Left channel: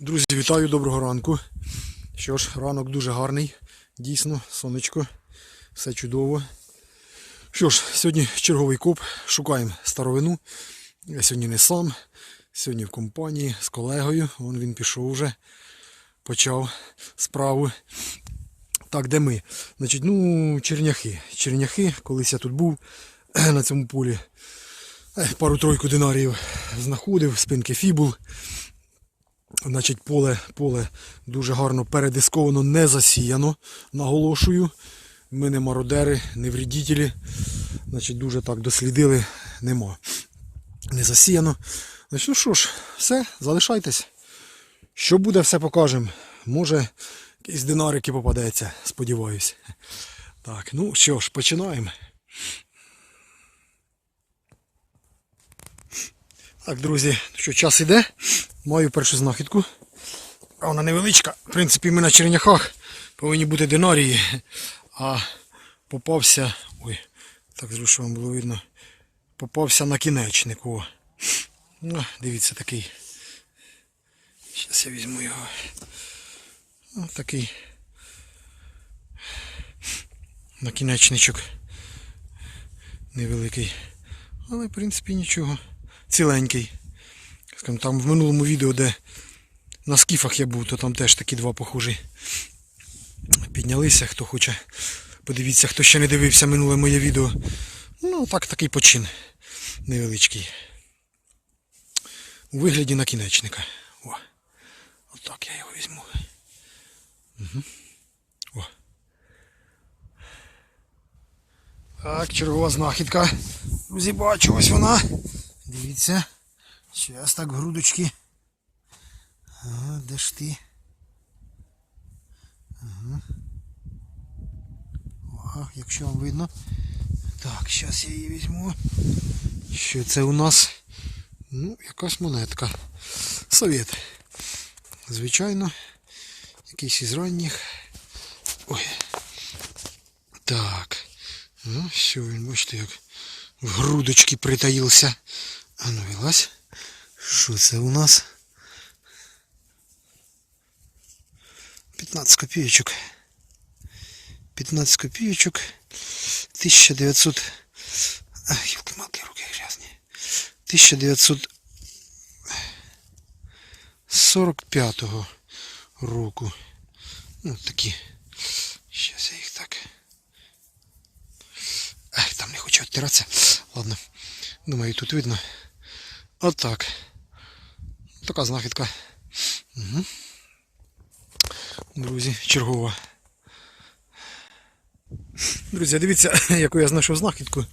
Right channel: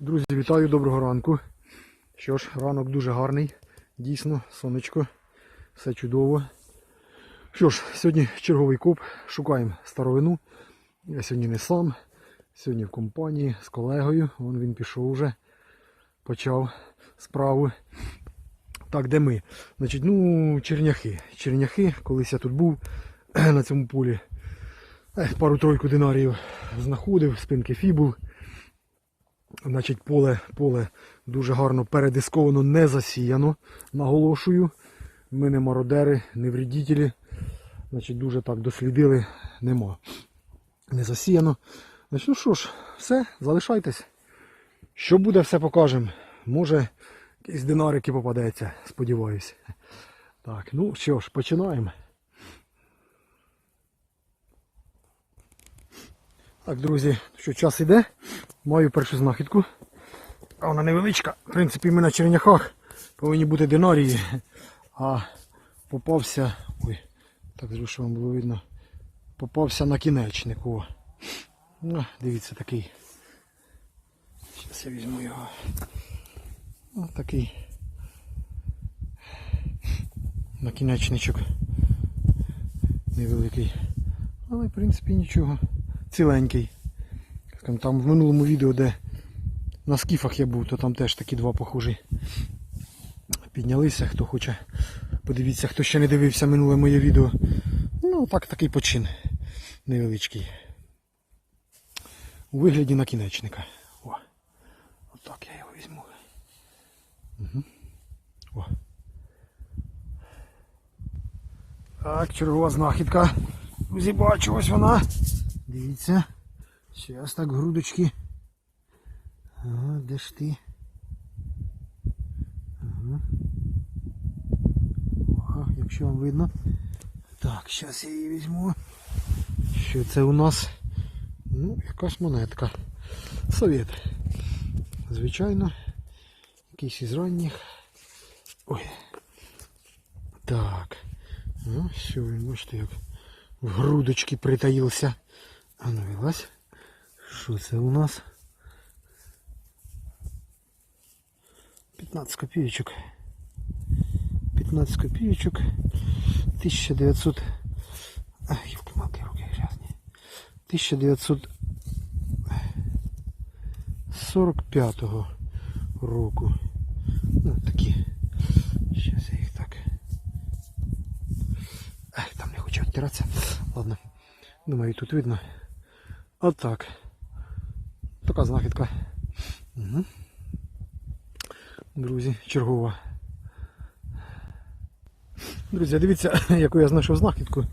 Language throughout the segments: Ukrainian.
Друзі, вітаю, доброго ранку. Що ж, ранок дуже гарний, дійсно, сонечко, все чудово. Що ж, сьогодні черговий коп, шукаємо старовину. Я сьогодні не сам, сьогодні в компанії з колегою. Вон він пішов вже, почав справу. Так, де ми? Значить, ну, черняхи. Черняхи, колись я тут був на цьому полі. Пару-тройку динарів знаходив, спинки фібул. Значить, поле, поле дуже гарно передисковано, не засіяно, наголошую. Ми не мародери, не вредителі. Значить, дуже так дослідили, нема. Не засіяно. Значить, ну що ж, все, залишайтесь. Що буде, все покажемо. Може, якийсь динарики попадеться, сподіваюсь. Так, ну що ж, починаємо. Так, друзі, що час іде. Маю першу знахідку. А вона невеличка. В принципі, ми на черняхах повинні бути динарії. А попався. Ой, так зру, що вам було видно. Попався на кінечник. О. Ну, дивіться такий. Зараз я візьму його. Ось такий накінечничок. Невеликий. Але в принципі нічого. Ціленький. Скажімо, там в минулому відео, де на скіфах я був, то там теж такі два похожі. Піднялися, хто хоче. Подивіться, хто ще не дивився минуле моє відео. Ну, так такий почин невеличкий. У вигляді накінечника. О. Отак я його візьму. Угу. О. Так, чергова знахідка. Друзі, бачу, ось вона. Дивіться. Зараз так грудочки. Ага, де ж ти? Ага. Ага, якщо вам видно. Так, зараз я її візьму. Що це у нас? Ну, якась монетка. Совет. Звичайно. Якийсь із ранніх. Ой. Так. Ну, все, він, бачите, як в грудочки притаївся. А ну вилазь. Що це у нас? 15 копійочок. 15 копійочок. 1900. Ах, елки-малки, руки грязні. 1945 року. Ну, такі. Зараз я їх так. Ах, там не хочу відтиратися. Ладно. Думаю, тут видно. Отак. Така знахідка. Угу. Друзі, чергова. Друзі, дивіться, яку я знайшов знахідку.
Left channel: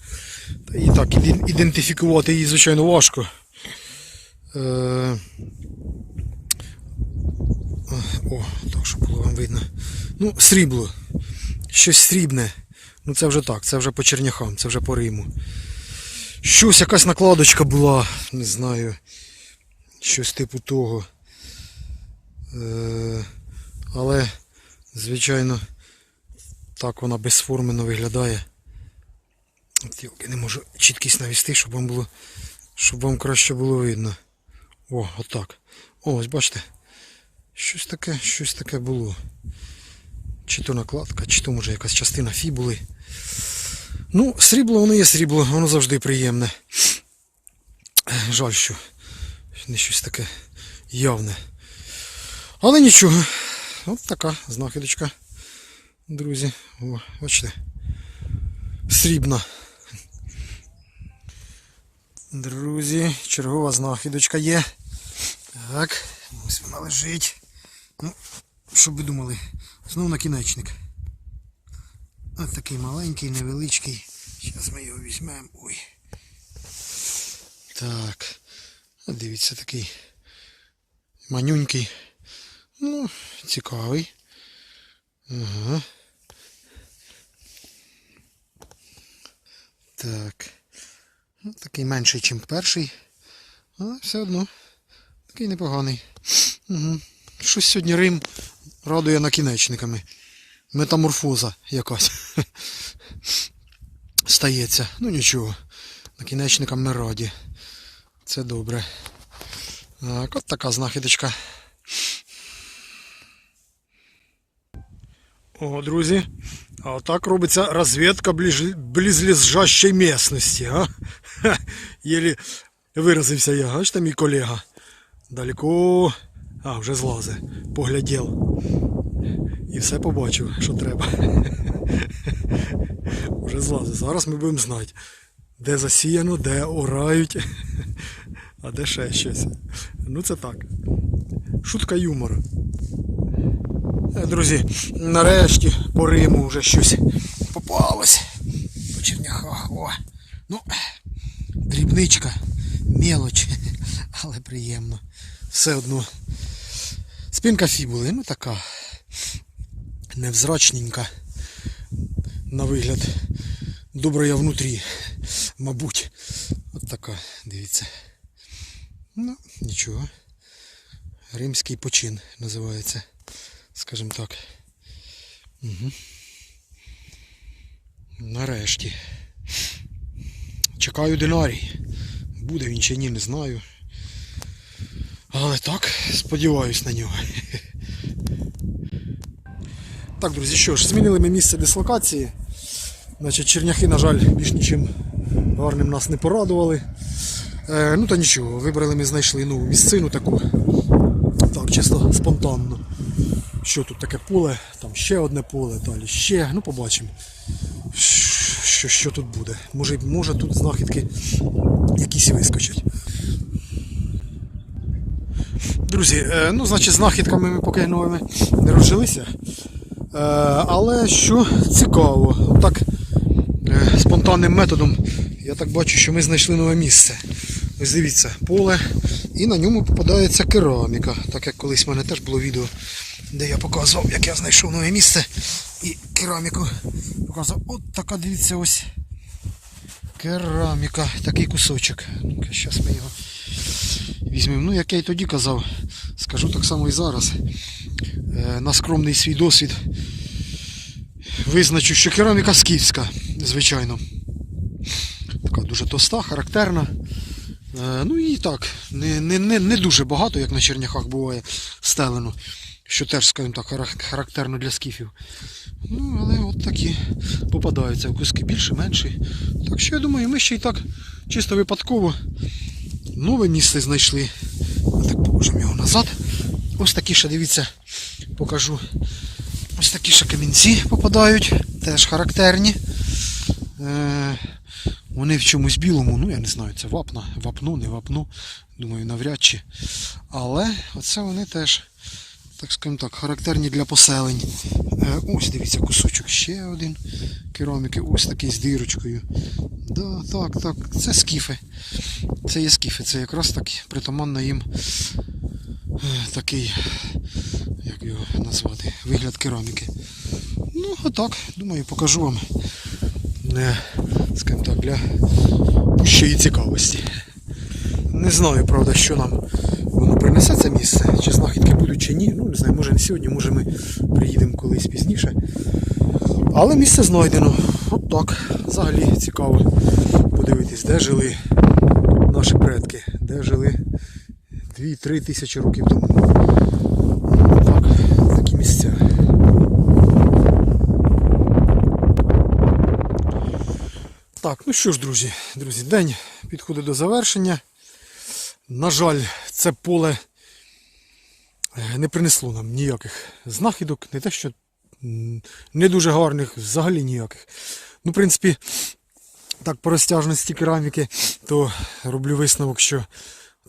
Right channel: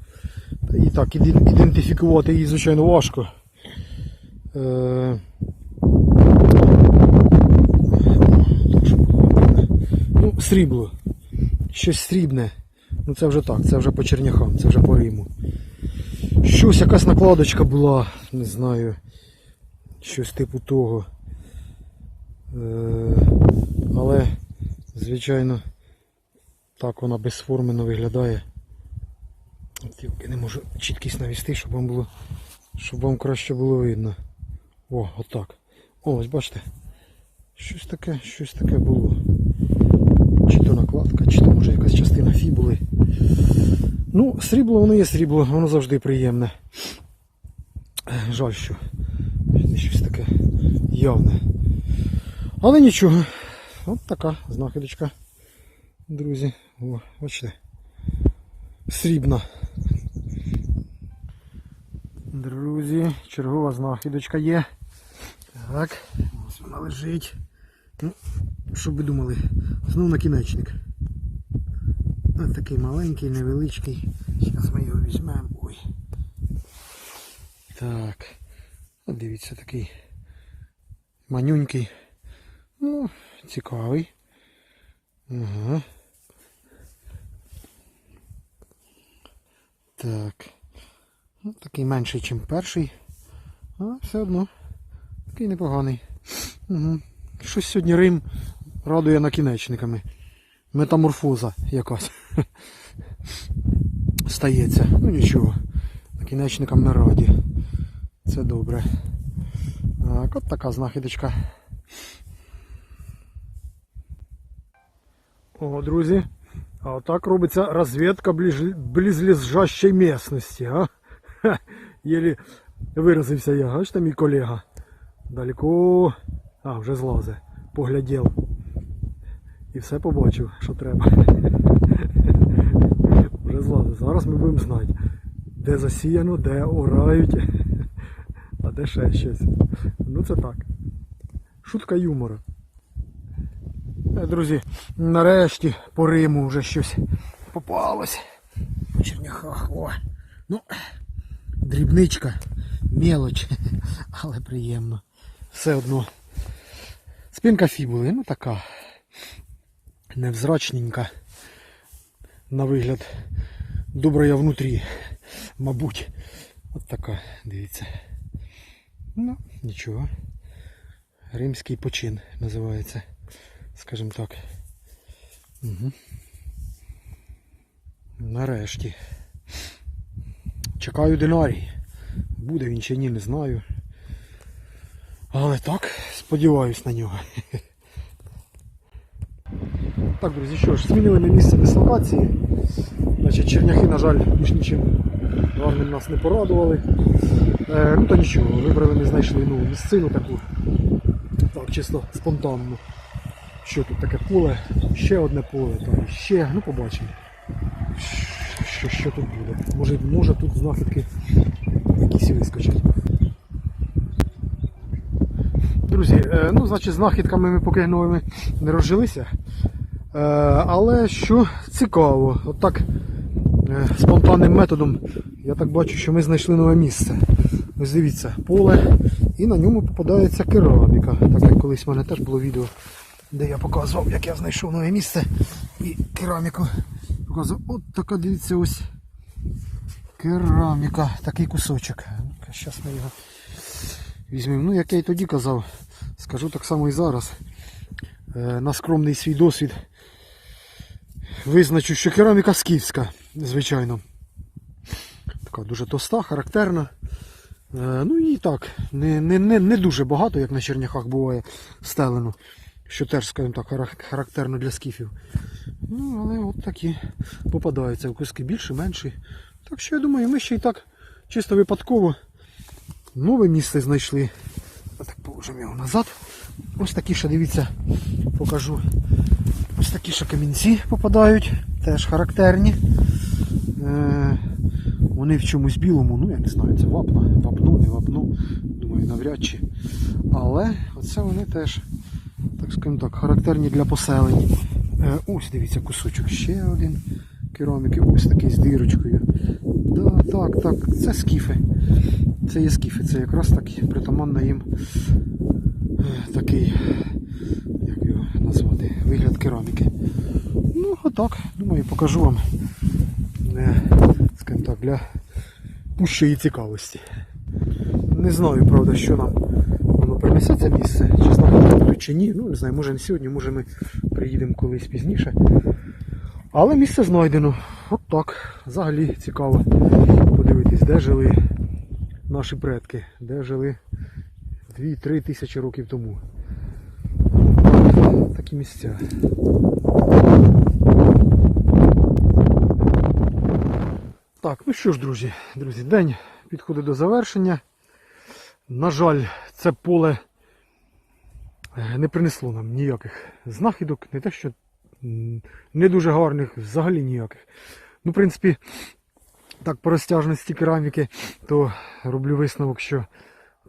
І так, ідентифікувати її, звичайно, важко. Е... Так, щоб було вам видно. Ну, срібло. Щось срібне. Ну це вже так, це вже по черняхам, це вже по Риму. Щось, якась накладочка була, не знаю. Щось типу того. Е, але, звичайно, так вона безформено виглядає. Тільки не можу чіткість навести, щоб вам було, щоб вам краще було видно. О, отак. О, ось бачите. Щось таке, щось таке було. Чи то накладка, чи то може якась частина фібули. Ну, срібло воно є срібло, воно завжди приємне. Жаль, що не щось таке явне. Але нічого. От така знахідочка. Друзі. О, бачите. Срібна. Друзі, чергова знахідочка є. Так, ось вона лежить. Ну, що ви думали? Знову накінечник. Ось такий маленький, невеличкий. Зараз ми його візьмемо. Ой. Так. А дивіться, такий манюнький. Ну, цікавий. Ага. Так. Ну, такий менший, ніж перший. Але все одно. Такий непоганий. Угу. Щось сьогодні Рим радує накінечниками. Метаморфоза якась. Стається. Ну нічого. Накінечникам ми раді. Це добре. Так, от така знахідочка. О, друзі. А так робиться розвідка близлежащої місцевості. А? Ха, єлі виразився я, Бачите, мій колега. Далеко. А, вже злази. Поглядів. І все побачив, що треба. Вже злази. Зараз ми будемо знати, де засіяно, де орають. а де ще щось. Ну це так. Шутка юмору. Е, Друзі, нарешті по Риму вже щось попалось. По черняхах. О. Ну, дрібничка, мелоч, але приємно. Все одно. Спинка фібули, ну така невзрачненька. На вигляд добрая внутрі, мабуть. От така, дивіться. Ну, нічого. Римський почин називається скажімо так. Угу. Нарешті. Чекаю динарій. Буде він чи ні, не знаю. Але так, сподіваюсь на нього. Так, друзі, що ж, змінили ми місце дислокації. Значить, черняхи, на жаль, більш нічим гарним нас не порадували. Е, ну та нічого, вибрали ми знайшли нову місцину таку. Так, чисто спонтанно що тут таке поле, там ще одне поле, далі ще, ну побачимо, що, що тут буде. Може, може тут знахідки якісь вискочать. Друзі, е, ну, значить, знахідками ми поки новими не розжилися. Е, Але що цікаво, отак е, спонтанним методом я так бачу, що ми знайшли нове місце. Ось дивіться, поле, і на ньому попадається кераміка. Так як колись в мене теж було відео, де я показував, як я знайшов нове місце і кераміку показував. От така, дивіться, ось кераміка, такий кусочок. Зараз ми його візьмемо. Ну, як я і тоді казав, скажу так само і зараз. Е, На скромний свій досвід визначу, що кераміка скіфська, звичайно. Така дуже тоста, характерна. Е, Ну і так, не, не, не, не дуже багато, як на черняхах буває, стелено. Що теж, скажімо так, характерно для скіфів. Ну, але от такі попадаються в куски більше, менші. Так що я думаю, ми ще й так чисто випадково нове місце знайшли. Так положимо його назад. Ось такі ще, дивіться, покажу. Ось такі ще камінці попадають, теж характерні. Е, вони в чомусь білому, ну я не знаю, це вапна, вапну, не вапну, думаю, навряд чи. Але оце вони теж, так скажімо так, характерні для поселень. Е, ось дивіться, кусочок ще один кераміки, ось такий з дирочкою. Да, так, так, це скіфи. Це є скіфи, це якраз так притаманно їм е, такий, як його назвати, вигляд кераміки. Ну, отак, думаю, покажу вам не, скажімо так, для пущої цікавості. Не знаю, правда, що нам воно принесе це місце, чи знахідки будуть чи ні. Ну, не знаю, може не сьогодні, може ми приїдемо колись пізніше. Але місце знайдено. От так. Взагалі цікаво подивитись, де жили наші предки, де жили 2-3 тисячі років тому. Так, такі місця. Так, ну що ж, друзі, друзі, день підходить до завершення. На жаль, це поле е, не принесло нам ніяких знахідок, не те, що не дуже гарних, взагалі ніяких. Ну, в принципі, так по розтяжності кераміки, то роблю висновок, що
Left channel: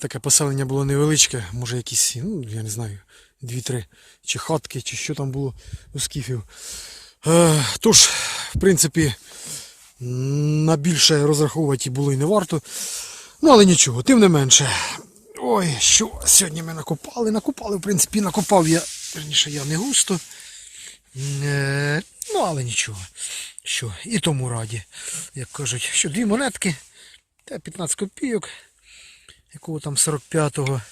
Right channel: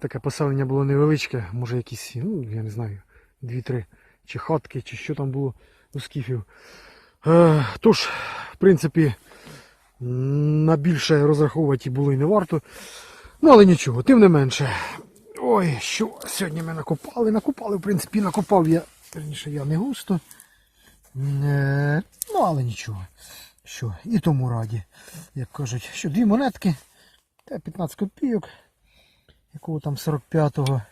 таке поселення було невеличке, може якісь, ну, я не знаю, дві-три чи хатки, чи що там було у скіфів. Е, тож, в принципі, на більше розраховувати було і не варто. Ну, але нічого, тим не менше. Ой, що сьогодні ми накопали. Накопали, в принципі, накопав я, верніше, я не густо. Е, ну, але нічого. Що, і тому раді. Як кажуть, що дві монетки, та 15 копійок, якого там 45-го,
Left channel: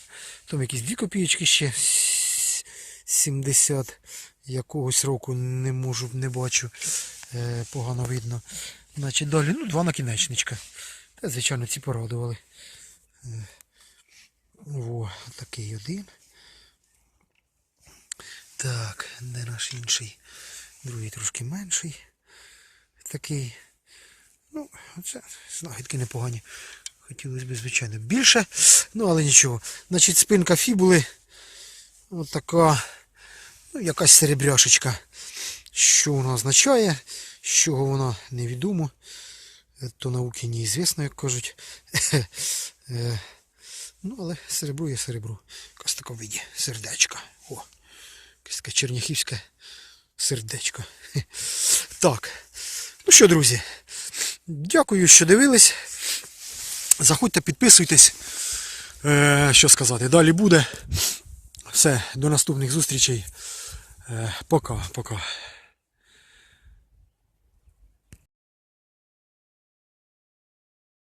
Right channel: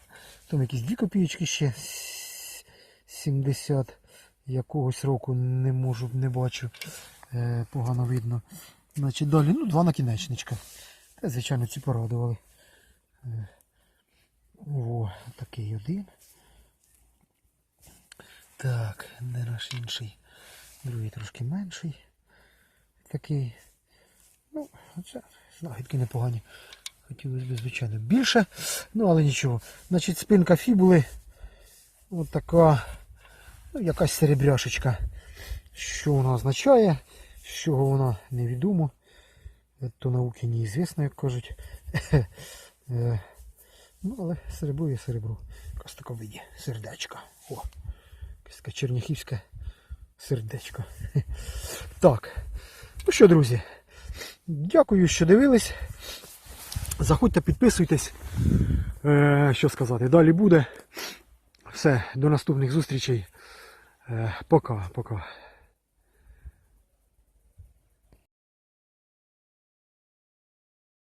там якісь дві копійочки ще 70 якогось року не можу, не бачу. Е, погано видно. Значить, далі, ну, два накінечничка. Та, звичайно, ці порадували. Е, О, такий один. Так, де наш інший? другий трошки менший. Такий. Ну, це знахідки непогані. Хотілося б, звичайно, більше, ну але нічого. Значить, спинка фібули. Ось така, ну, якась серебряшечка. Що вона означає, з чого вона невідомо. Е, То науки неізвісно, як кажуть. Е, Ну, але серебро є серебро. Якась така в виді сердечка. О, якесь таке черняхівське сердечко. Так. Ну що, друзі, дякую, що дивились. Заходьте, підписуйтесь. Е, що сказати, далі буде. Все, до наступних зустрічей. Е, пока, пока.